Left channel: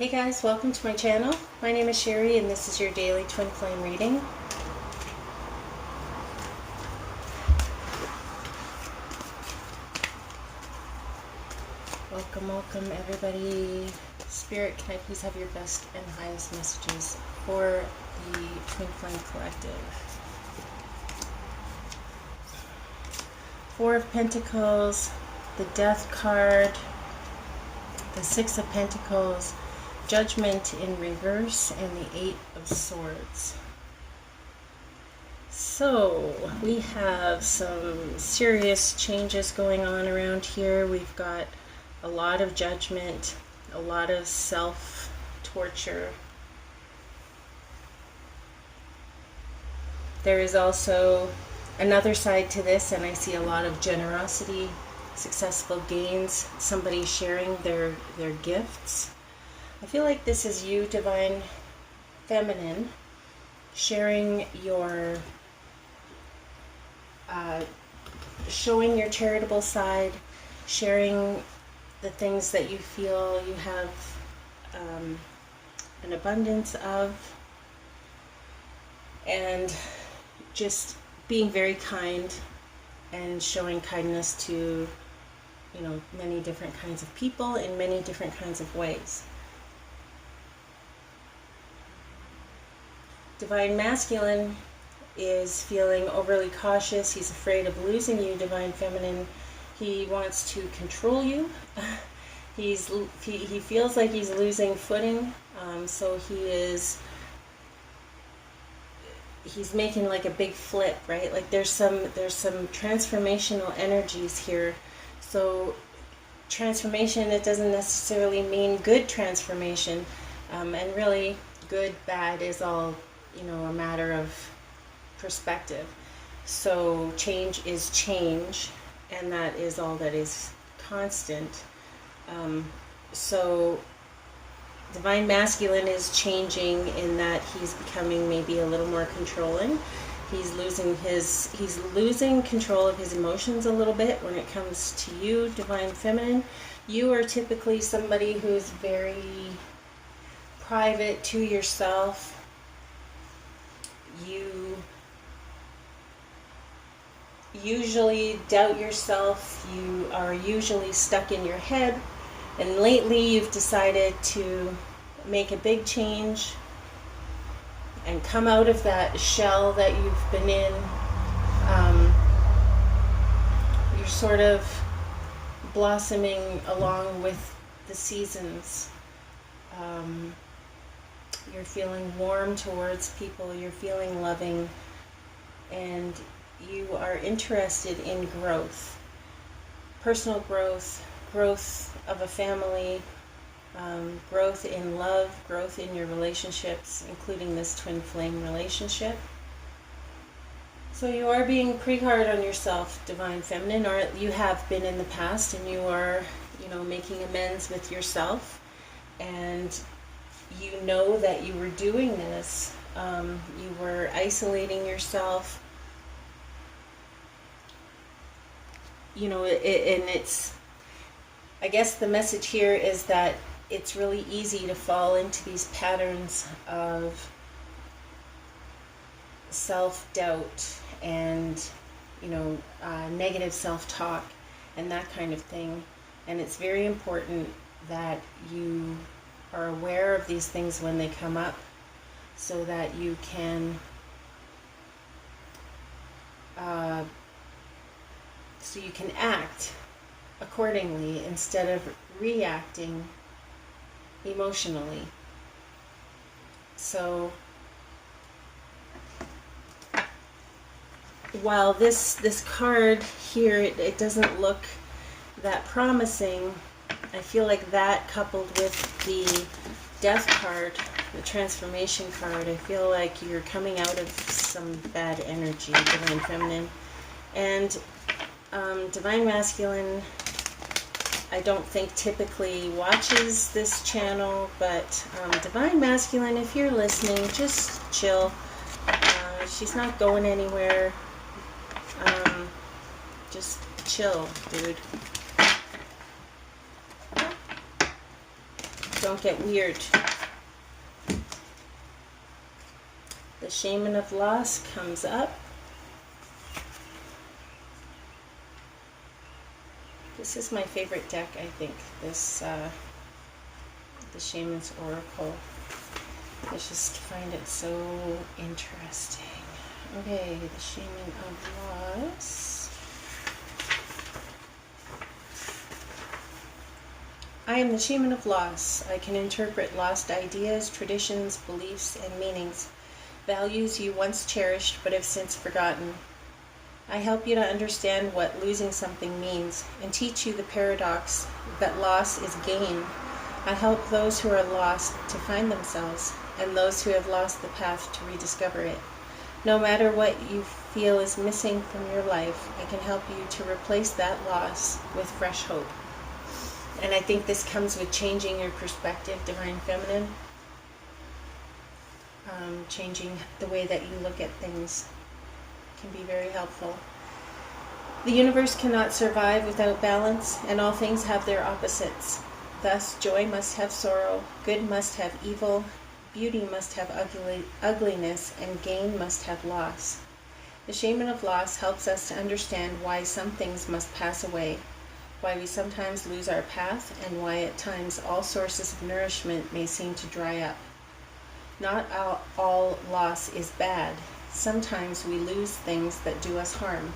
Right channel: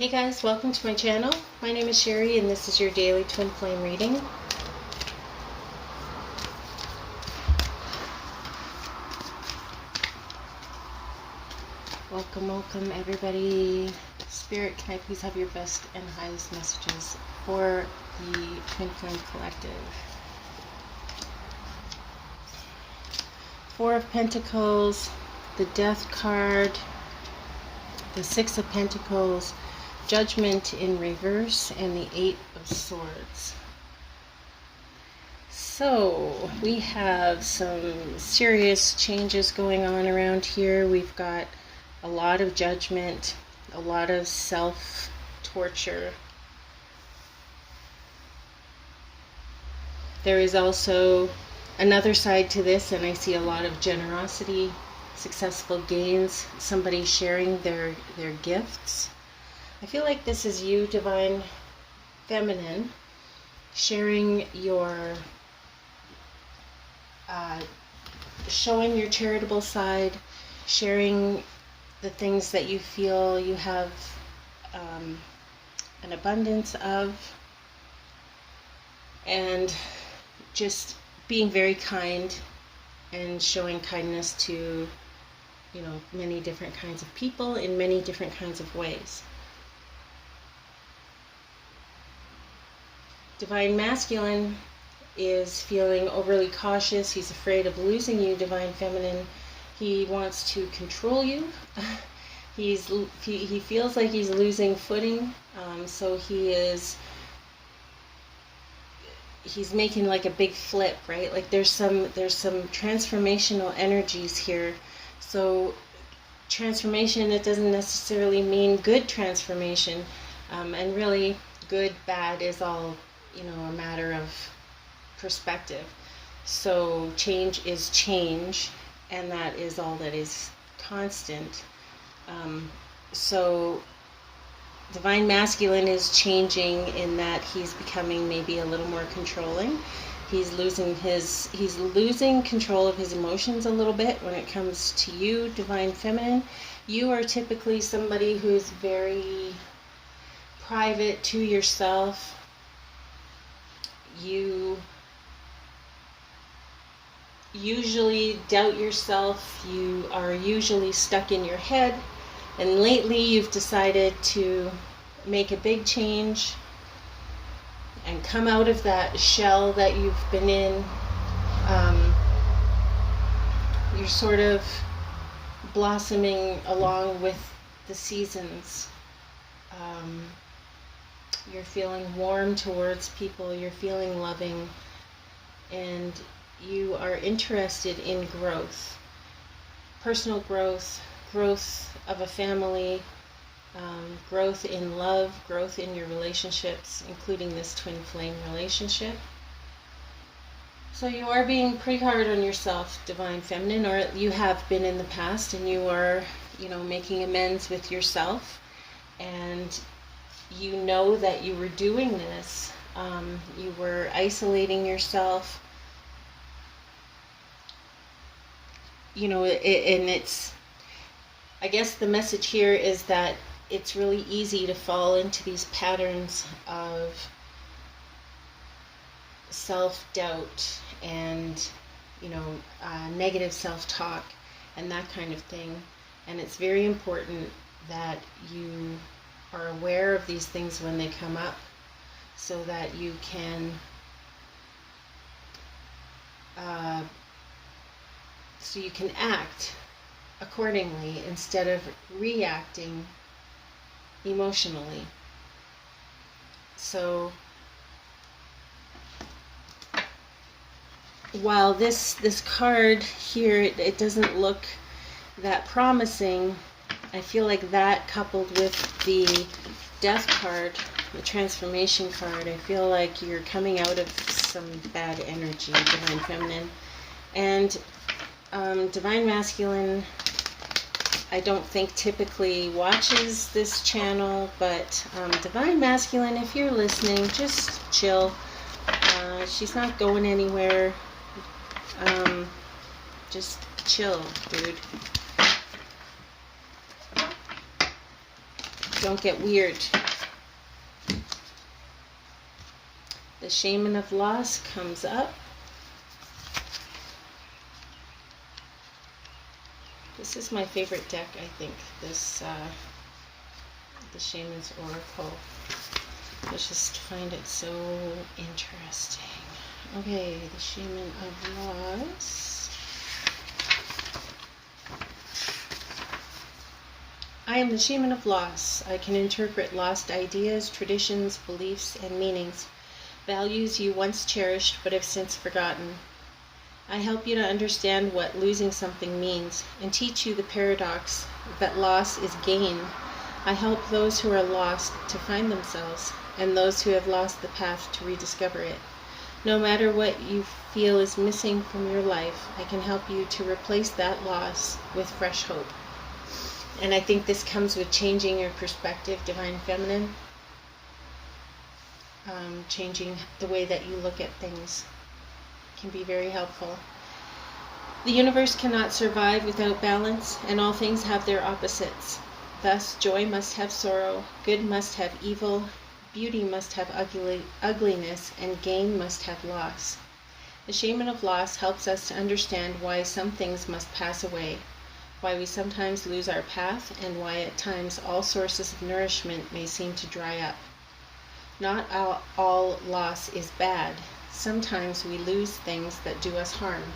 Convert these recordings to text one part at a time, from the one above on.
Hey guys, welcome to my channel. My name is Sherry and this is your daily twin flame reading. Welcome everybody. Spirit, can I please have your best and highest messages for the Twin Flame Collective? Four of Pentacles, the Death card, the Six of Pentacles, Judgment in reverse, and the Eight of Swords. So we have some serious changes going on around here. We've got a lot of judgment, a lot of self-torture. There is also another side to this, and I see a lot of generosity, successful gains, somebody sharing their gifts. I feel like this is you, Divine Feminine, sharing your, showing your charitable side, sharing the things that you feel you have an abundance of, and just being very kind and showing kindness to, you know, many different kinds of people in many different kinds of ways. Divine Masculine is feeling overly cautious. He's afraid of losing you, Divine Feminine. He wants to control you. He feels like he's losing footing. So he's making like a big flip, right? Like there's some transformational energies here. So transformation, it doesn't necessarily mean good transformation, and really good, bad is all, you know, a matter of perspective. So change is change, and that is all that is constant. So Divine Masculine is changing in that he's becoming maybe a little more controlling. He's losing control of his emotions a little bit when it comes to you, Divine Feminine. You are typically somebody who's very private to yourself. You usually doubt yourself. You are usually stuck in your head. And lately you've decided to make a big change and come out of that shell that you've been in. You're sort of blossoming along with the seasons. You're feeling warm towards people, you're feeling loving, and you are interested in growth, personal growth, growth of a family, growth in love, growth in your relationships, including this twin flame relationship. So you are being pretty hard on yourself, Divine Feminine, or you have been in the past, and you are, you know, making amends with yourself, and you know that you were doing this. You were isolating yourself, you know, and it's, I guess the message here is that it's really easy to fall into these patterns of self-doubt and, you know, negative self-talk and that kind of thing. And it's very important that you are aware of these things when they come up, so that you can act accordingly instead of reacting emotionally. So while this card here, it doesn't look that promising, I feel like that coupled with the Death card, the transformation card, I feel like you're coming out of some bad energy, Divine Feminine. And Divine Masculine, I don't think typically watches this channel, but Divine Masculine, if you're listening, just chill. She's not going anywhere. Just chill, dude. Don't get weird. The Shaman of Loss comes up. This is my favorite deck, I think. This, the Shaman's Oracle. I just find it so interesting. Okay, the Shaman of Loss. I am the Shaman of Loss. I can interpret lost ideas, traditions, beliefs, and meanings, values you once cherished but have since forgotten. I help you to understand what losing something means and teach you the paradox that loss is gain. I help those who are lost to find themselves and those who have lost the path to rediscover it. No matter what you feel is missing from your life, I can help you to replace that loss with fresh hope. And I think this comes with changing your perspective, Divine Feminine. Changing the way that you look at things can be very helpful. The universe cannot survive without balance, and all things have their opposites. Thus, joy must have sorrow, good must have evil, beauty must have ugliness, and gain must have loss. The Shaman of Loss helps us to understand why some things must pass away, why we sometimes lose our path, and why at times all sources of nourishment may seem to dry up. Not all loss is bad. Sometimes we lose things that do us harm.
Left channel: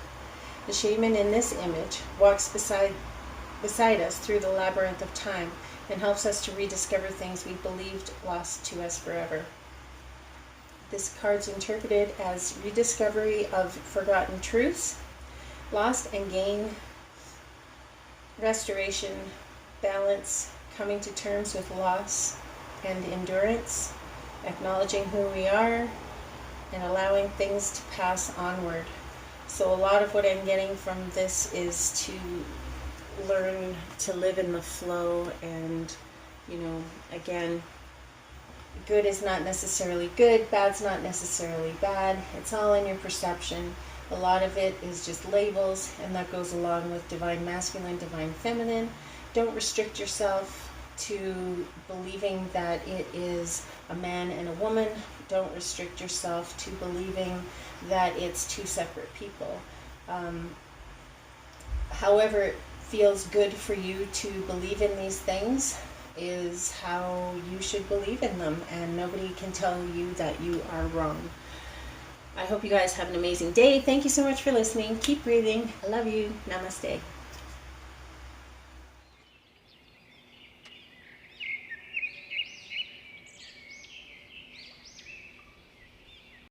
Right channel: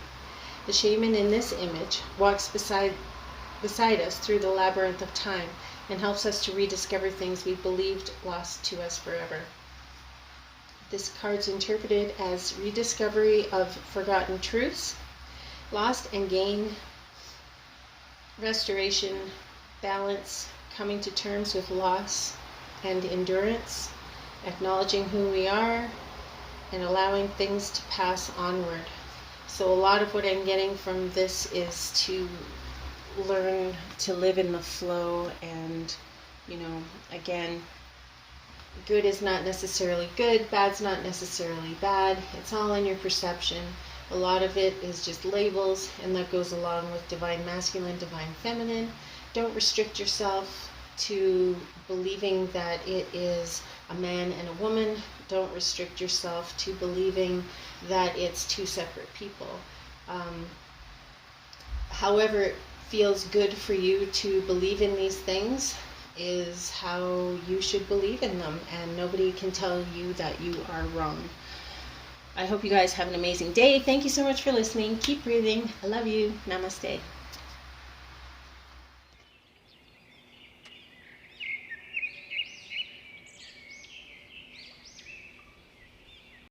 The shaman in this image walks beside us through the labyrinth of time and helps us to rediscover things we believed lost to us forever. This card's interpreted as rediscovery of forgotten truths, lost and gain, restoration, balance, coming to terms with loss and endurance, acknowledging who we are, and allowing things to pass onward. So a lot of what I'm getting from this is to learn to live in the flow, and, you know, again, good is not necessarily good, bad's not necessarily bad. It's all in your perception. A lot of it is just labels, and that goes along with Divine Masculine, Divine Feminine. Don't restrict yourself to believing that it is a man and a woman. Don't restrict yourself to believing that it's two separate people. However it feels good for you to believe in these things is how you should believe in them, and nobody can tell you that you are wrong. I hope you guys have an amazing day. Thank you so much for listening. Keep breathing. I love you. Namaste.